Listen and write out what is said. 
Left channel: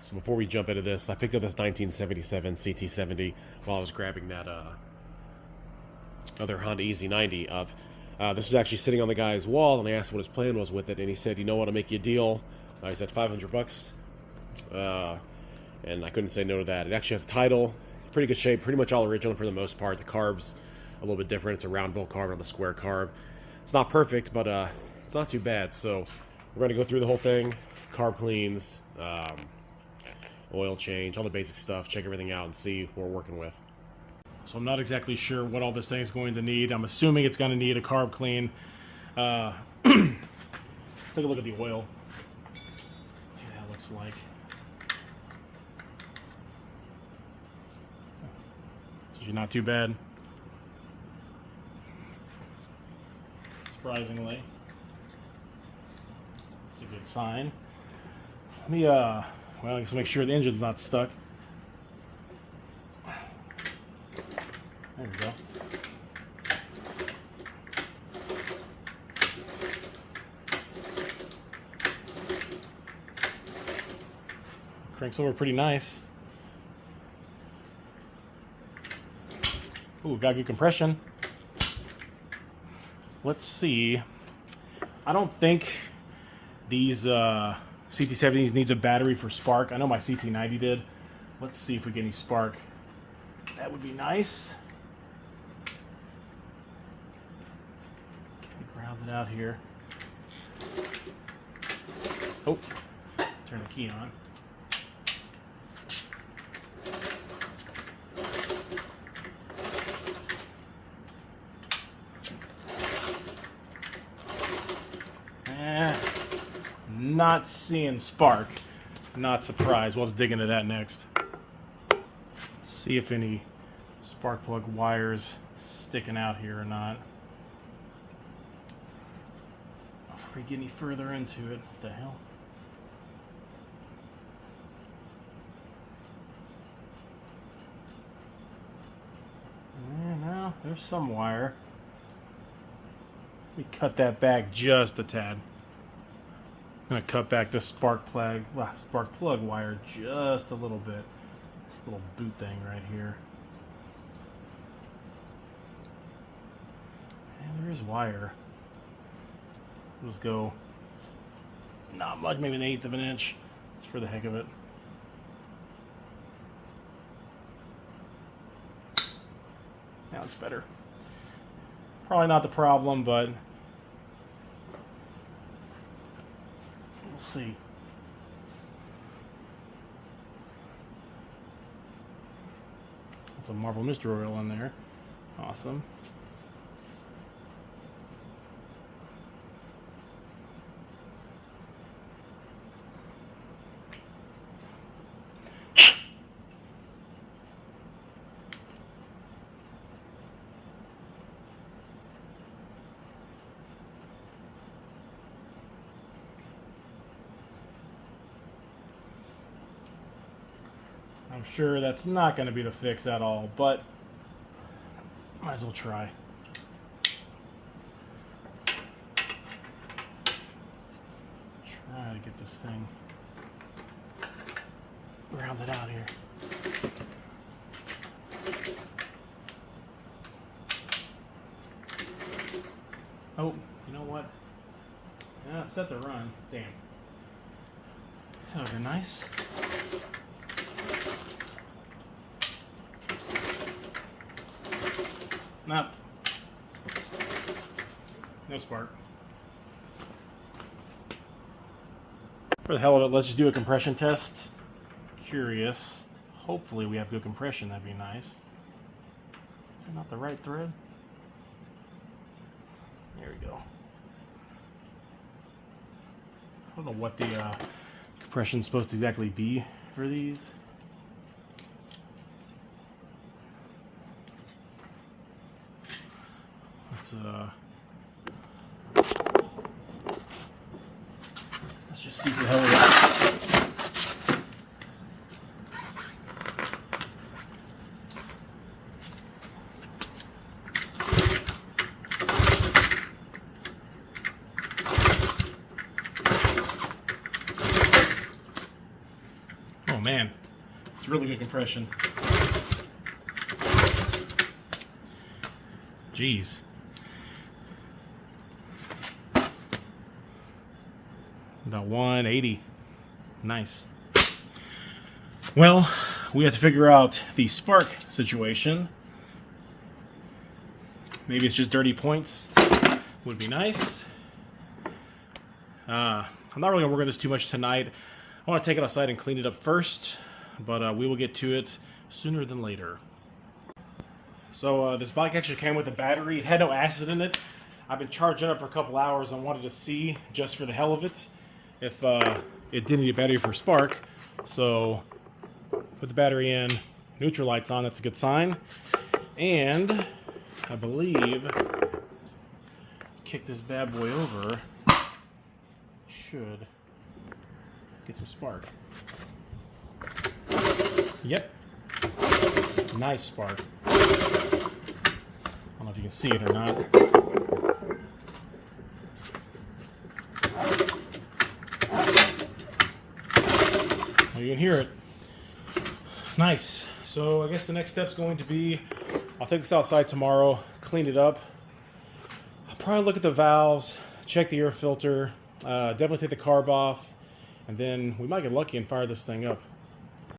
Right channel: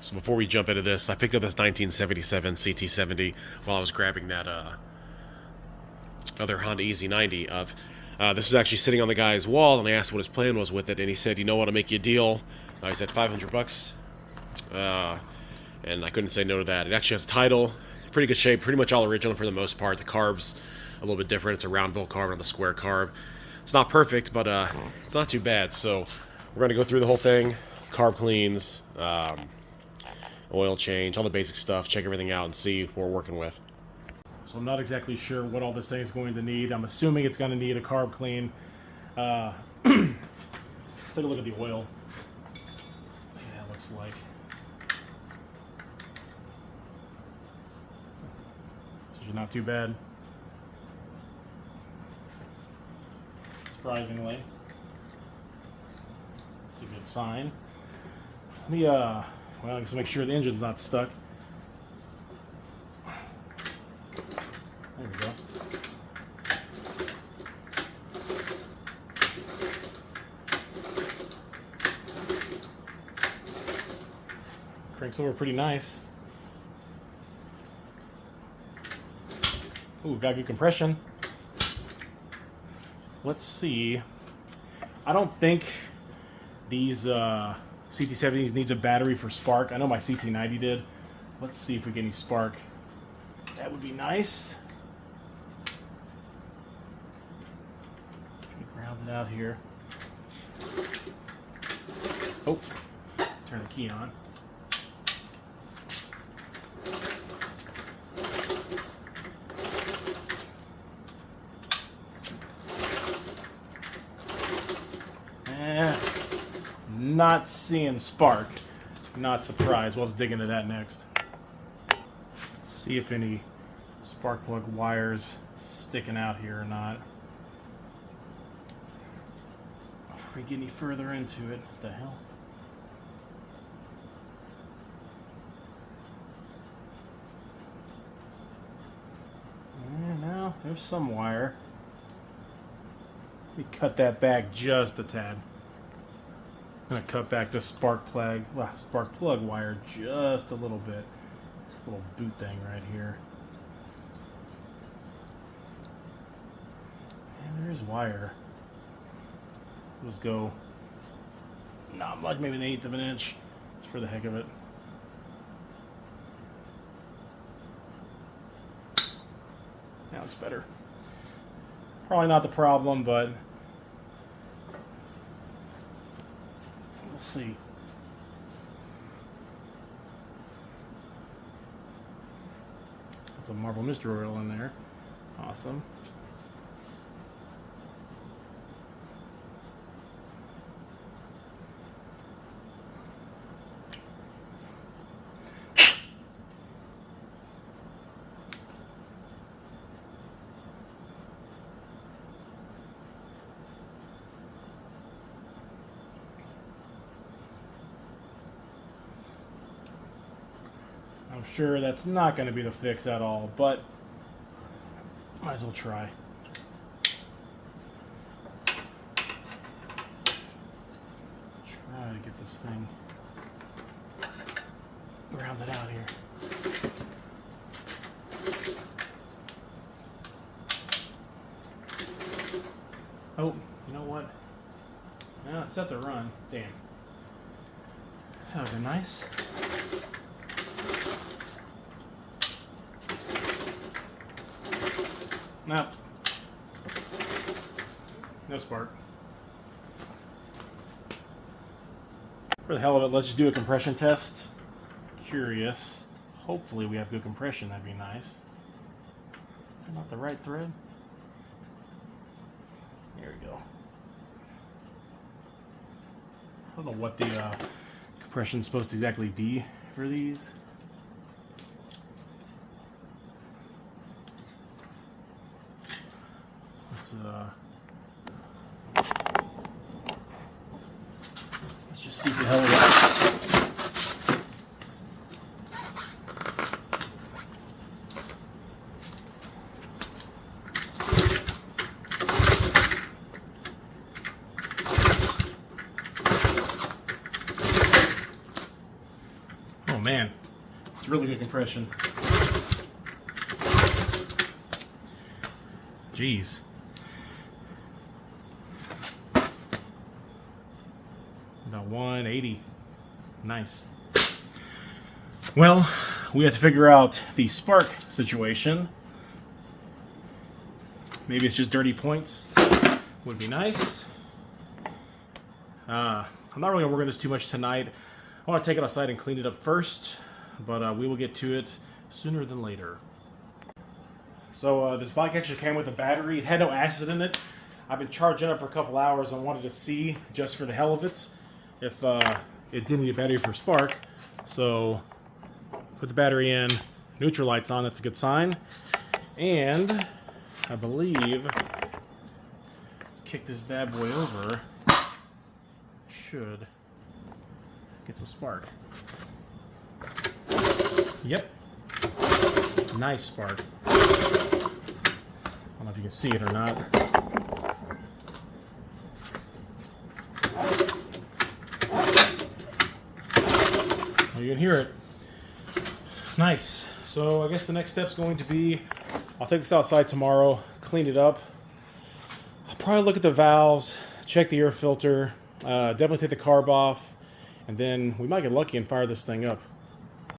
So before we jump into this, I picked up this 1977 CT70 while I was grabbing that other Honda EZ90 up. This was actually sitting on the guy's wall, and I asked what his plan was with it, and he said, "You know what? I'll make you a deal." He said $500, and I couldn't say no to that. It actually has a title, pretty good shape, pretty much all original for the most part. The carb's a little bit different. It's a round bill carb, not the square carb. It's not perfect, but it's not too bad. So we're going to go through the whole thing, carb cleans, oil change, all the basic stuff, check everything out, and see what we're working with. So I'm not exactly sure what all this thing is going to need. I'm assuming it's going to need a carb clean. Take a look at the oil. See what that looks like. It's actually not too bad. Surprisingly. It's a good sign. Let me, well, just make sure the engine's not stuck. There we go. Cranks over pretty nice. Ooh, got good compression. Let's see. I don't think these CT70s needs a battery for spark. I know my CT90 did. Let's see if we get any spark. That would be nice. Ground it out here. Oh, turn the key on. Not seeing spark. Not surprised. We'll dig into that next. See if any spark plug wires sticking out here or not. Before we get any further into it, what the hell? Yeah, no, there's some wire. Let me cut that back just a tad. I'm going to cut back the spark plug wire just a little bit. This little boot thing right here. And there's wire. Let's go, not much, maybe an 1/8 of an inch, just for the heck of it. That's better. Probably not the problem, but we'll see. That's a Marvel Mystery Oil in there. Awesome. I'm sure that's not going to be the fix at all, but might as well try. Try to get this thing rounded out here. Oh, you know what? Yeah, it's set to run. Damn. That would have been nice. No. No spark. For the hell of it, let's just do a compression test. Curious. Hopefully we have good compression, that'd be nice. Is that not the right thread? There we go. I don't know what the compression is supposed to exactly be for these. Let's just see if the hell of it. Oh man, it's really good compression. Jeez. About 180. Nice. Well, we have to figure out the spark situation. Maybe it's just dirty points. Would be nice. I'm not really going to work on this too much tonight. I want to take it outside and clean it up first, but we will get to it sooner than later. So this bike actually came with a battery. It had no acid in it. I've been charging up for a couple hours. I wanted to see, just for the hell of it, if it did need a battery for spark. So put the battery in, neutral lights on, that's a good sign. And I believe kick this bad boy over, should get some spark. Yep. Nice spark. I don't know if you can see it or not. Oh, you can hear it. Nice. So I guess the next step's going to be, I'll take this outside tomorrow, clean it up. I'll probably look at the valves, check the air filter, definitely take the carb off, and then we might get lucky and fire this thing up.